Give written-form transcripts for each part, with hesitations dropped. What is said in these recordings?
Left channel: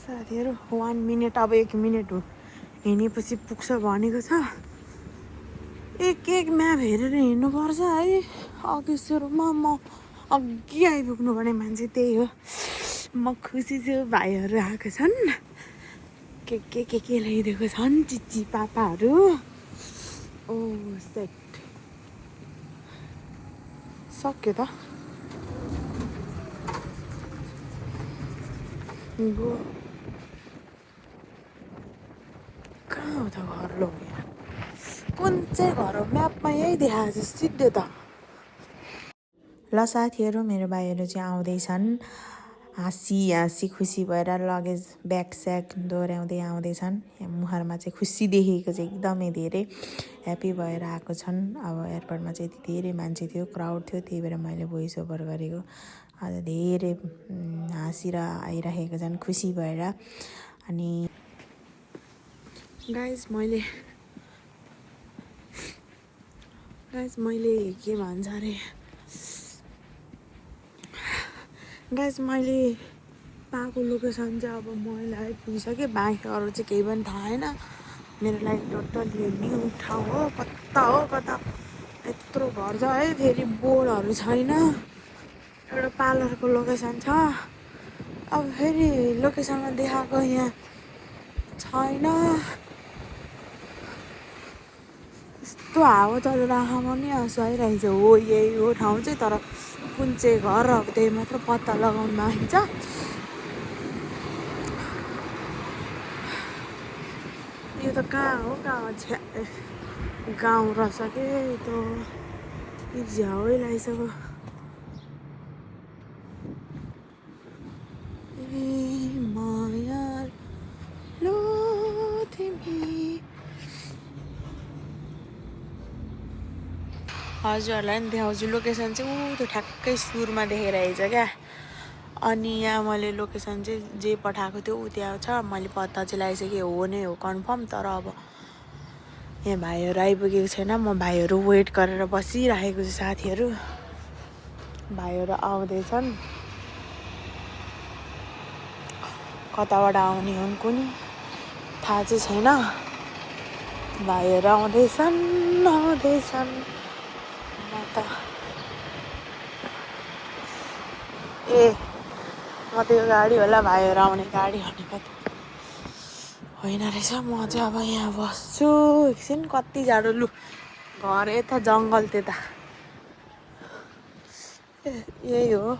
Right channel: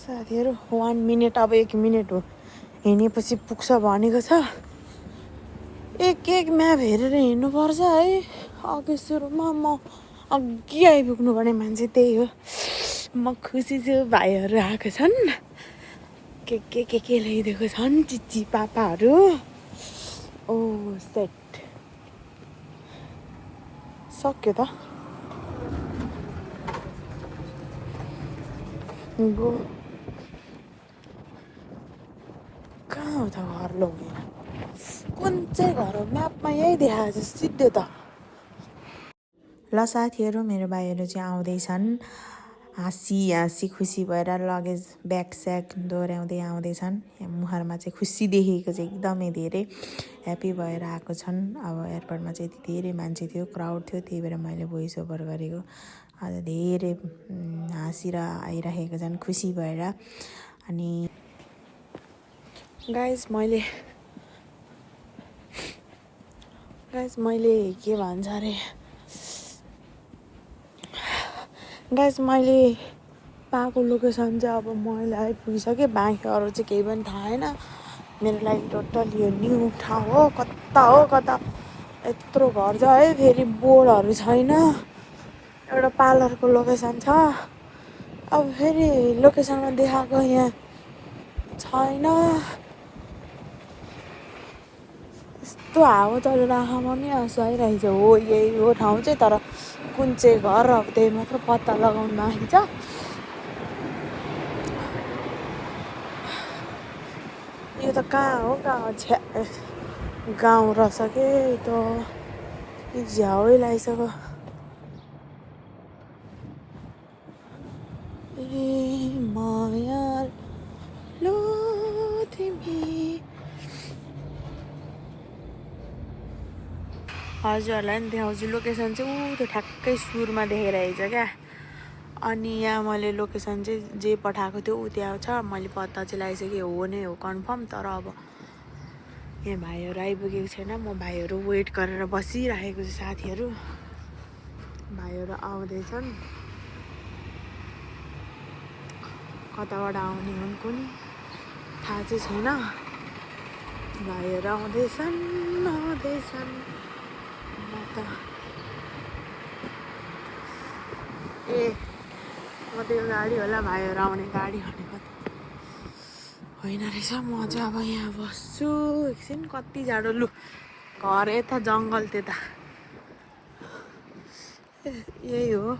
साथीहरू 1 मिनट अब 1 मिनट हो हिँडेपछि पुग्छ भनेको छ एक म्याप हेरेर हिँड्नुपर्छ है अघि सुरुमा म अघि आइपुग्नु पर्ने मान्छे त्यही हो म खुसी छु भाइहरू आएको छन् के ल्याइदिएको छन् चिची पापाहरू ओ सेट सक्यो त गो कहाँ हो त घर लगेर कुन चाहिँ घर हो म्यापमा यही देखाएको छ सिधै त ल साथीहरू मेरो भाइहरू चाहिँ आउँदैछन् हाँसी खुसी भएर लगेज ब्याग स्याग दोहोऱ्याउँदै आउँदैछन् मुहारमा चाहिँ खुसी देखेको चाहिँ एकदमै धेरै ह्याप्पी भएर आएको छन् अब एयरपोर्टमा चाहिँ यति धेरै मान्छे थियो क्राउड थियो त्यही भएर मैले भोइस ओभर गरेको आज धेरै हाँसेर आइरहेको छन् खुसी भएर अनि गाइस मैले के भन्छ अरे गाइस मैले पाएको लोकेसन चाहिँ अब मैले आइपुगिसकेँ बाँकी अरू चाहिँ केही पनि थाहा छैन मेरो लागि टोटल यो न्यू ठाउँ हो कता यत्रो घर छ है फेरि बोर्डहरू छैन एउटा पार्लरको लोकेसन छ अब फेरि लोकेसनमा देखाएको यहाँ छैन यस्तो हावा चलेर आँखामा नि आँसु आइरहेछ हो यही हो ठाउँ चाहिँ तर कुन चाहिँ घर अब त्यही मात्र पत्ता लगाउनु बाँकी छ यो त कहाँ हो छ्या गाउँ रहेछ के त झ्याउै लगाइसक्यो ए माया लो तिमी हजुरहरूलाई नि देखाउँछु लोकेसन चाहिँ ऊ त्यो ठ्याक्कै सुरुमा देखाइरहेछ क्या अनि यहाँ मैले लोकेसन चाहिँ जे पठाएको थियो ऊ त्यहाँ छ मैले पत्ता चाहिँ लगाइसकेँ हो नै हो कन्फर्म तर अब यहाँ भाइहरू आइपुगेको छैन म भाइहरू वेट गरेर बसिरहेको छु साथीहरू भाइहरू आउँदैछन् कताबाट आउने हुन् कुनी थाहा चाहिँ छैन भाइहरू आउँदैछन् म त म त यो गाडी होला भाइहरू आउने गाडी भनेको त होइन रहेछ म चाहिँ अब यहाँ बस्छु एकछिन कति जाडो लु घर यता जङ्गल त्यता यही हो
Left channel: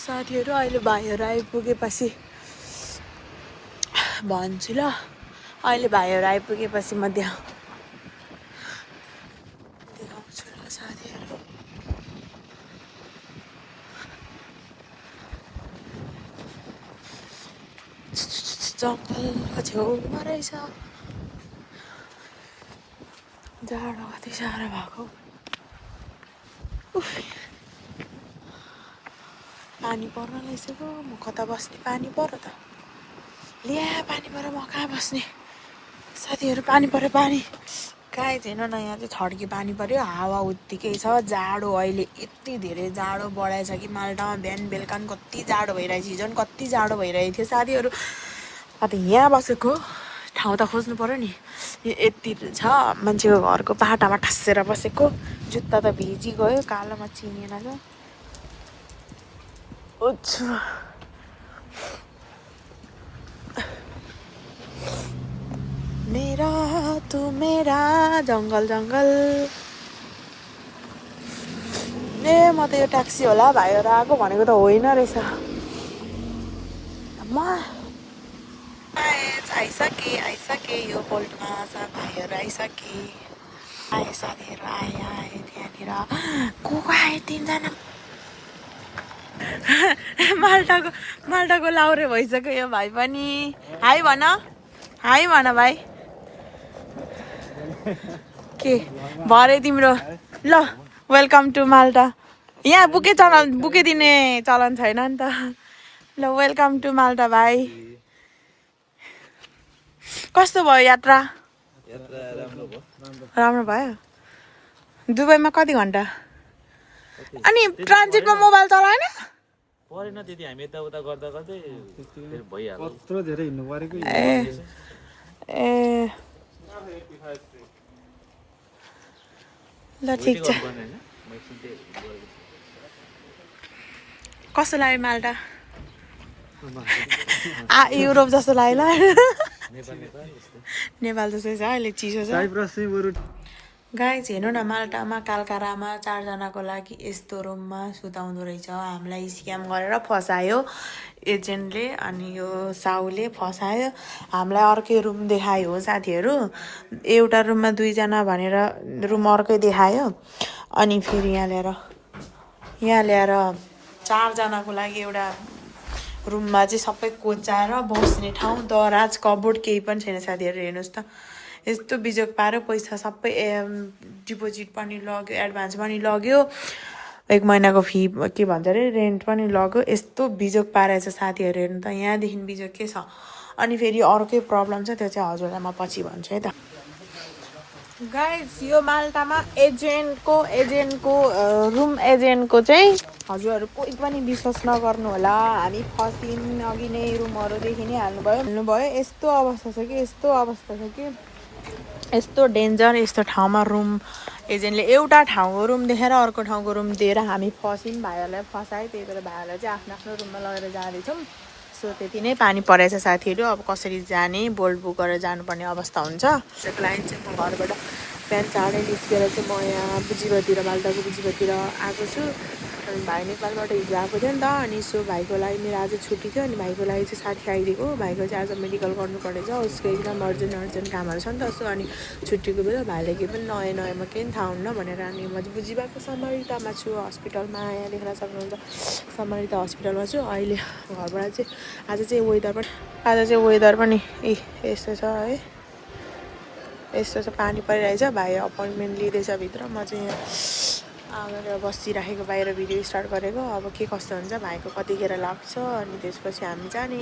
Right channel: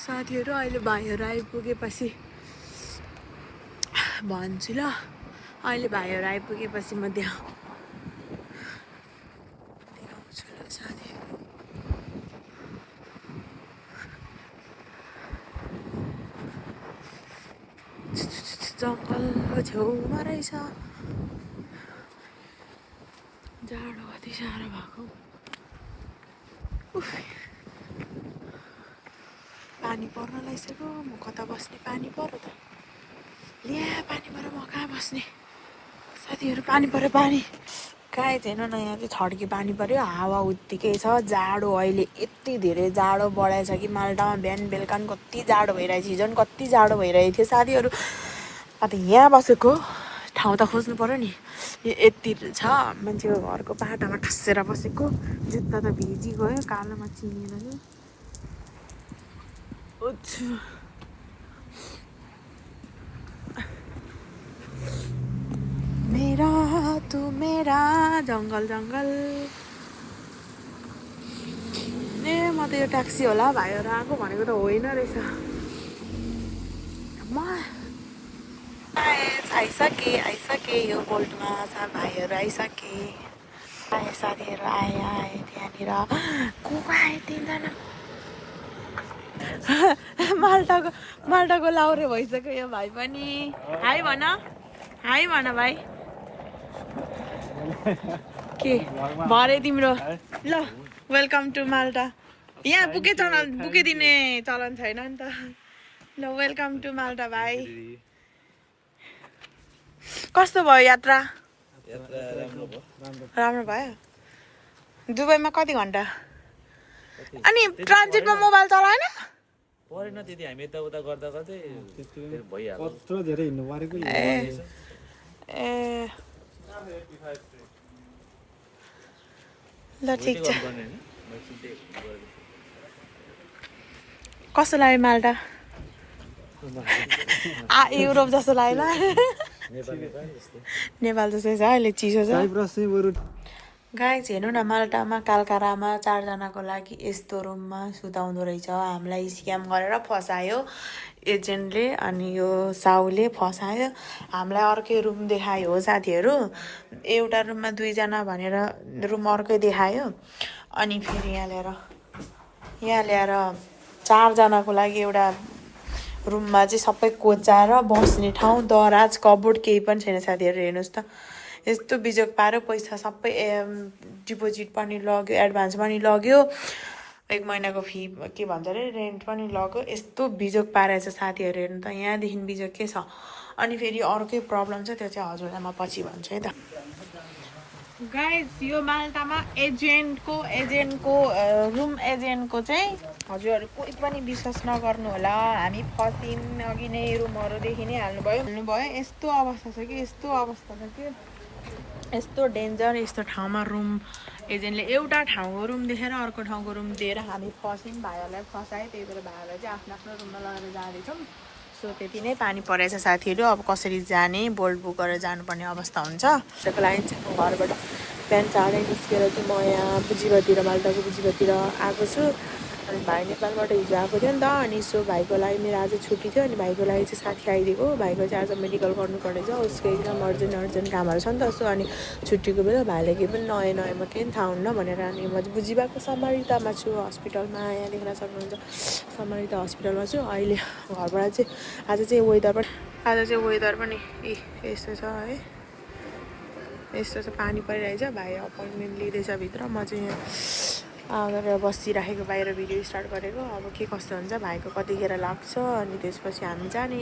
साथीहरू अहिले भाइहरू आइपुगेपछि भन्छु ल अहिले भाइहरू आइपुगेपछि म देखाउँछु ल साथीहरू जङ्गलको छेउमा रहेछ जाडो कति साह्रो भएको पानी पर्न लागिसक्यो म कता बस्ने पानी पऱ्यो त ल्या पानी पऱ्यो म कहाँ बस्ने साथीहरू पानी पऱ्यो पानी कहीँ थिएन न यहाँ चाहिँ छड्की पानी पऱ्यो हावा उत्तिकै छ जाडो अहिले यति धेरै जाडो बढाएछ कि माल्टामा बिहान बेलुका कति जाडो भइरहेछ हिजो कति जाडो भइरहेको थियो साथीहरू अन्त यहाँ बसेको ठाउँ त खोज्नु पऱ्यो नि यो यति छ मान्छेको घरको बाटामा ठस्सेर बसेको जुत्ता त भिजी गयो कालोमा चिनिएन क्या मेरा तू मेरा जङ्गल ए म त यो ट्याक्सी होला भाइहरू आएको भनेको त होइन रहेछ म आइसके यो बोल्टमा भाइहरू आइसके आए साथीहरू आए त्यहाँनिर को आए 3 जना माल्टाको लाउरे भइसक्यो यो भाइ पनि हाई भन भाइ के भरे तिम्रो ल वेलकम टु माल्टा यहाँ बुके दिने चलन छैन नि त ल वेलकम टु माल्टा भाइ कस्तो भयो यात्रा राम्रो भयो दुबईमा कति घन्टा अनि ट्रान्जिटमा मोबाइल चलाएन परेन त्यति हामी यताउता गर्दा गर्दै भइहाल्यो कत्रो धेरै हिँड्नु परेको ए ल ठिक छ कस्तो लाग्यो माल्टा युरोप जस्तो लाग्यो नेपाल जस्तै छ अहिले चिसो छ गाइज हेर्नु न माल्टामा कालकारामा 4 जनाको लागि यस्तो रुममा सुताउँदो रहेछ हामीलाई स्क्याम गरेर फसायो एजेन्टले अनि यो साउले फसायो हामीलाई अर्कै रुम देखायो हो साथीहरू एउटा रुममा 2 जना भनेर रुम अर्कै देखायो अनि फेरि यहाँ ल्याएर 4 जनाको लागि एउटा रुममा चाहिँ सबै कोचाएर बस्ने ठाउँ दराज कबोर्ड केही पनि छैन साथीहरू हेर्नुहोस् त यस्तो बिजोग पार्यो पैसा सबै डिपोजिट पनि लग्यो एडभान्स पनि लग्यो 1 महिनाको फी के भन्छ अरे रेन्ट पनि लग्यो यस्तो बिजोग पारेछ साथीहरू हेर्नु त यहाँदेखि बिजोग के छ अनि फेरि अर्कै प्रब्लम छ त्यो चाहिँ हजुरलाई म पछि भन्छु है त गाइज यो माल्टामा एजेन्टको रुम एजेन्टको चाहिँ हजुरहरू कोही पनि विश्वास नगर्नु होला हामी फसिन अघि नै रुमहरूदेखि नै हाल्नुभयो यस्तो अवस्था छ कि यस्तो डेन्जर यस्तो ठाउँमा रुम एजेन्टले एउटा ठाउँको रुम देखेर अर्को ठाउँको रुम दिएर हामी फसिन भाइहरूलाई फसायो त्यही भएर भाइहरूलाई चाहिँ आफ्नो रुममा लगेर जाँदैछौँ सो त्यति नै पानी परेछ साथीहरू अब कसरी जाने बोल्ट बुक गरेर जानुपर्ने अवस्था हुन्छ त्यसको लागि चाहिँ म घरबाट बिहान चाँडै निस्केर चाहिँ म यहाँ बुझिबतिर माल्टाको बुझिबतिर आएको छु अनि भाइ नेपालबाट हिजो आएको थियो नि त अनि सो भाइको लागि मेरो आज छुट्टी थियो अनि भाइको लागि चाहिँ साथी आइदिएको भाइको चाहिँ आज मेडिकल गर्नुपर्नेछ उसको एकदम अर्जेन्ट कामहरू छ नि त सो अनि छुट्टीको बेला भाइले केही पनि नयाँमा केही थाहा हुन्न भनेर हामी म बुझिबाको समरितामा छु हस्पिटलमा यहाँ देख्न सक्नुहुन्छ समरिता हस्पिटलमा छु अहिले घरबाट चाहिँ आज चाहिँ वेदर पनि यस्तो छ है यस्तो छ पानी परिरहेछ भाइ अपोइन्टमेन्ट लिँदैछ भित्र म चाहिँ यहाँ गरेर बसिराखेको बाहिर भिडियो स्टार्ट गरेको अब के कस्तो हुन्छ भाइको कतिखेर लाग्छ अनि त्यसपछि हामी जाने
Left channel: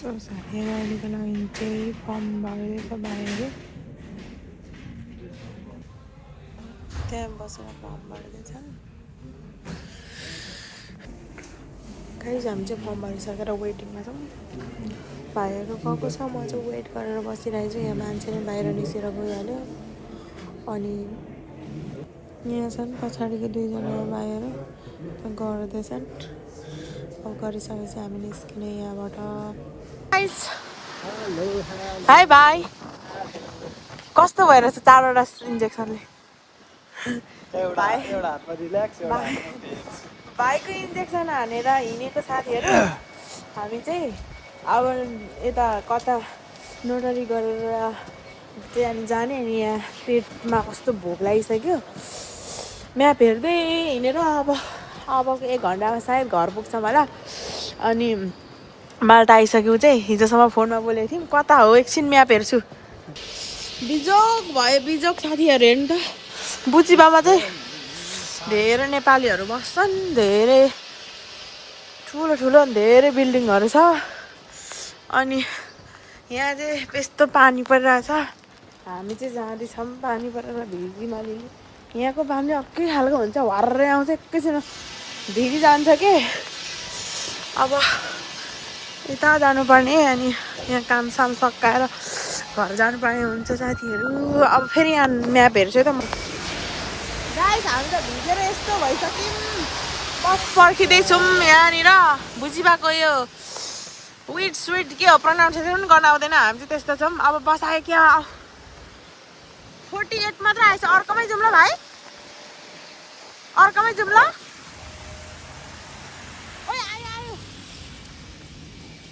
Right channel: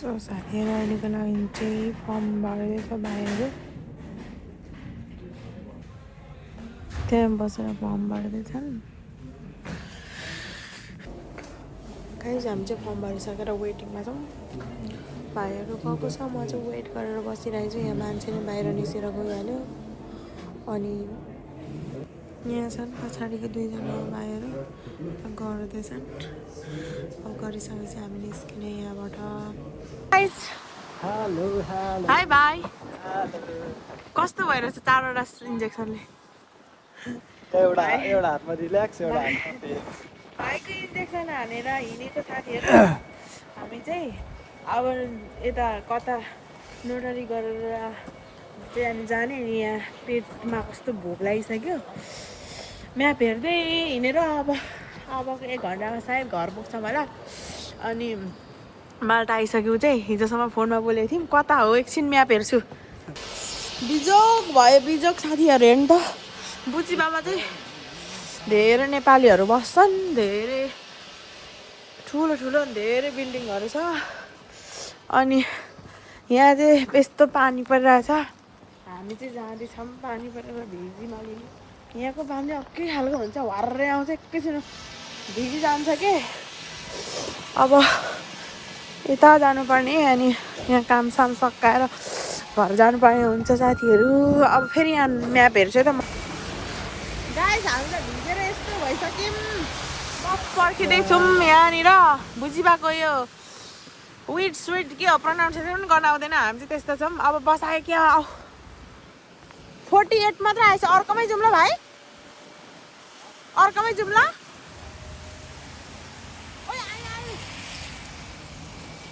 सो साथीहरू अहिलेको लागि चाहिँ फर्म भर्दैछ भाइहरू त्यहाँ बसेर फर्म भर्दैछन् गाइज हामी चाहिँ फर्म भरिसकेर वेटिङमा छौँ भाइहरू गएको छ म चाहिँ वेट गरेर बसिरहेको छु यहाँ मान्छे नै बाहिर निस्केर गइहाल्यो अनि यहाँ छन् पछाडिको 2 जना भाइहरू गर्दैछन् अब गरिसकेपछि हामी निस्किने यहाँबाट हाई भाइ कस्तो भइरहेछ 4वटा इन्जेक्सनले भाइको इन्जेक्सन हानेर हिँडेको साथीहरू हामी चाहिँ अब यता कता नोटरी गरेर त्यहाँ जाने अनि यहाँ पेटमा कस्तो भोक लागिसक्यो म्याप हेर्दै हिँडेर अब 1 घन्टामा सायद घर पुग्छौँ होला अनि माल्टा आइसक्यो चाहिँ हिजोसम्म फोनमा बोलेको थियौँ कता हो एकछिन म्याप हेर्छु बिजोग साथीहरू हेर्नु त बुचिबामा चाहिँ धेरै नेपालीहरू बस्छन् धेरै ठुलो धेरै बिल्डिङहरू छ अनि यहाँ चाहिँ यस्तो पानी परिरहेछ हामी चाहिँ जाँदैछौँ पानी परेर भिगी यहाँको पानी अर्कै खालको हुन्छ हर्रै आउँछ एकैछिन भिगी जान्छ कि अब यता जानुपर्ने अनि यहाँ कामसाम सकाएर घर जानुपर्ने हुन्छ साथीहरू अब फेरि यहाँ म्याप हेर्छु त म गाइस हामी त भिजेर यस्तो भइसक्यौँ बस पर्खिँदैछौँ यहाँनिर बुझिबाको यो स्विट के हो प्रनाउन्सिएसन पनि गर्न आउँदैन हामी चाहिँ त्यस्तो छौँ अब बसायो क्या 48 मात्र आएछ अर्कोमै जाउँ ल भाइ अर्कोमै जाउँ ल ओइ आयो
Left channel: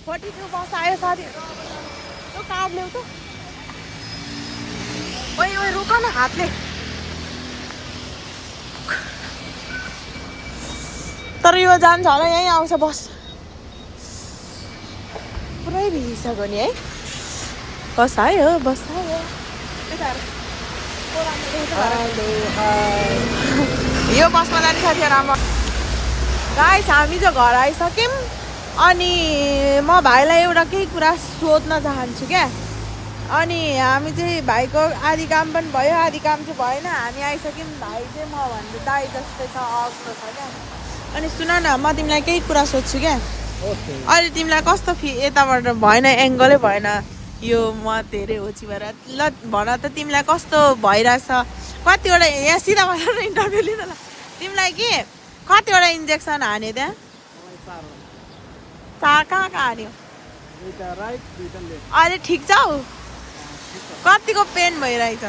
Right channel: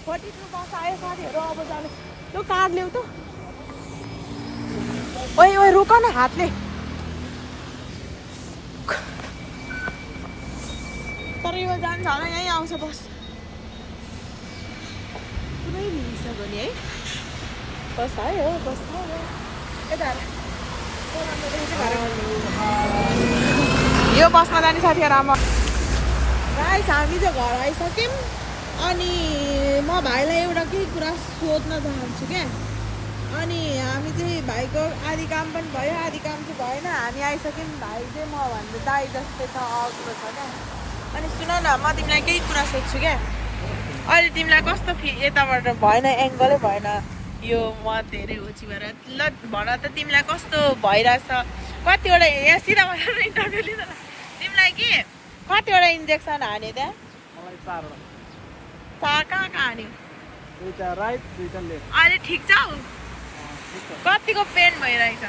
42 बस आयो साथीहरू अब जानु तँ कार्ड ल्याउ त ओइ रुक न हातले तर यो जान्छ होला यहीँ आउँछ बस पुरै भिगिसक्यो नि है बस आयो यता यो बसमा जाने साथीहरू आमा गाइस हामी चाहिँ घर आइसक्यौँ अनि म भाइलाई एउटा केही कुरा सोध्न चाहन्छु क्या अनि हामी चाहिँ भाइको आधी काम पनि भयो आधी काम चाहिँ भएन हामी आइसक्यौँ भाइ चाहिँ म भन्दा दाइ जस्तै छ अग्लो छ क्या अनि सुन न म तिमीलाई केही कुरा सोध्छु क्या अहिले तिमीलाई कस्तो यताबाट भएन एङ्गलै भएन यो म धेरै होची भएर ल भन त तिमीलाई कस्तो भइरहेछ कतिवटा यहाँ सिधा भएर इन्टरभ्यू लिँदा तिमीलाई के कतिवटा इन्जेक्सन हान्यो त्यहाँ कहाँ हान्यो अहिले ठिक छ हौ कतिको पेन भइरहेछ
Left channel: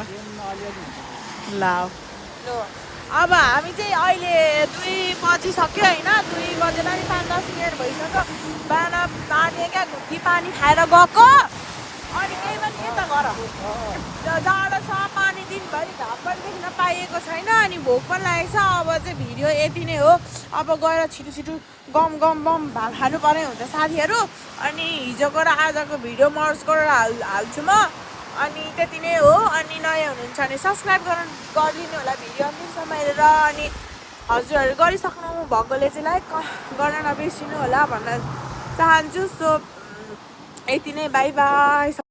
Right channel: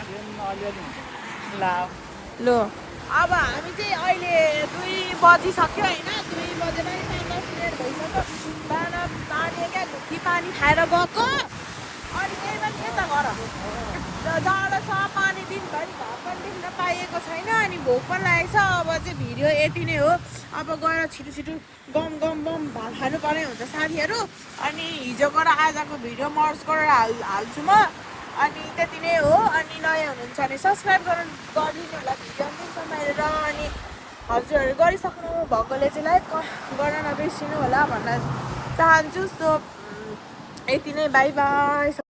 ल लु अब हामी चाहिँ अहिले 2 बजिसक्यो होइन 2 बजेर नि 5-10 मिनट भइसक्यो बिहान नानी क्या घुट्टी पानी खाएर गएको अनि केही पनि के त गर जाडो छ पानी दिनभरि घाम पनि देख्न पाइएको छैन अनि भोक पनि लागेको छ अब चाहिँ भिडियो यति नै हो अब गएर छिटो छिटो गम बम भात खानु पर्ने हुन्छ साथीहरू अनि हिजोको र आजको भिडियो मर्ज गरेर हाल्छु म अनि त्यति नै हो अनि नयाँ हुनुहुन्छ भने सब्सक्राइब गरिदिनु होला भिडियो अन्तिमसम्म हेरेर अनि हजुरहरू गरिसक्नु भएकोले चाहिँ लाइक गर्न नबिर्सिनु होला भन्न चाहन्छु सो यति नै बाई बाई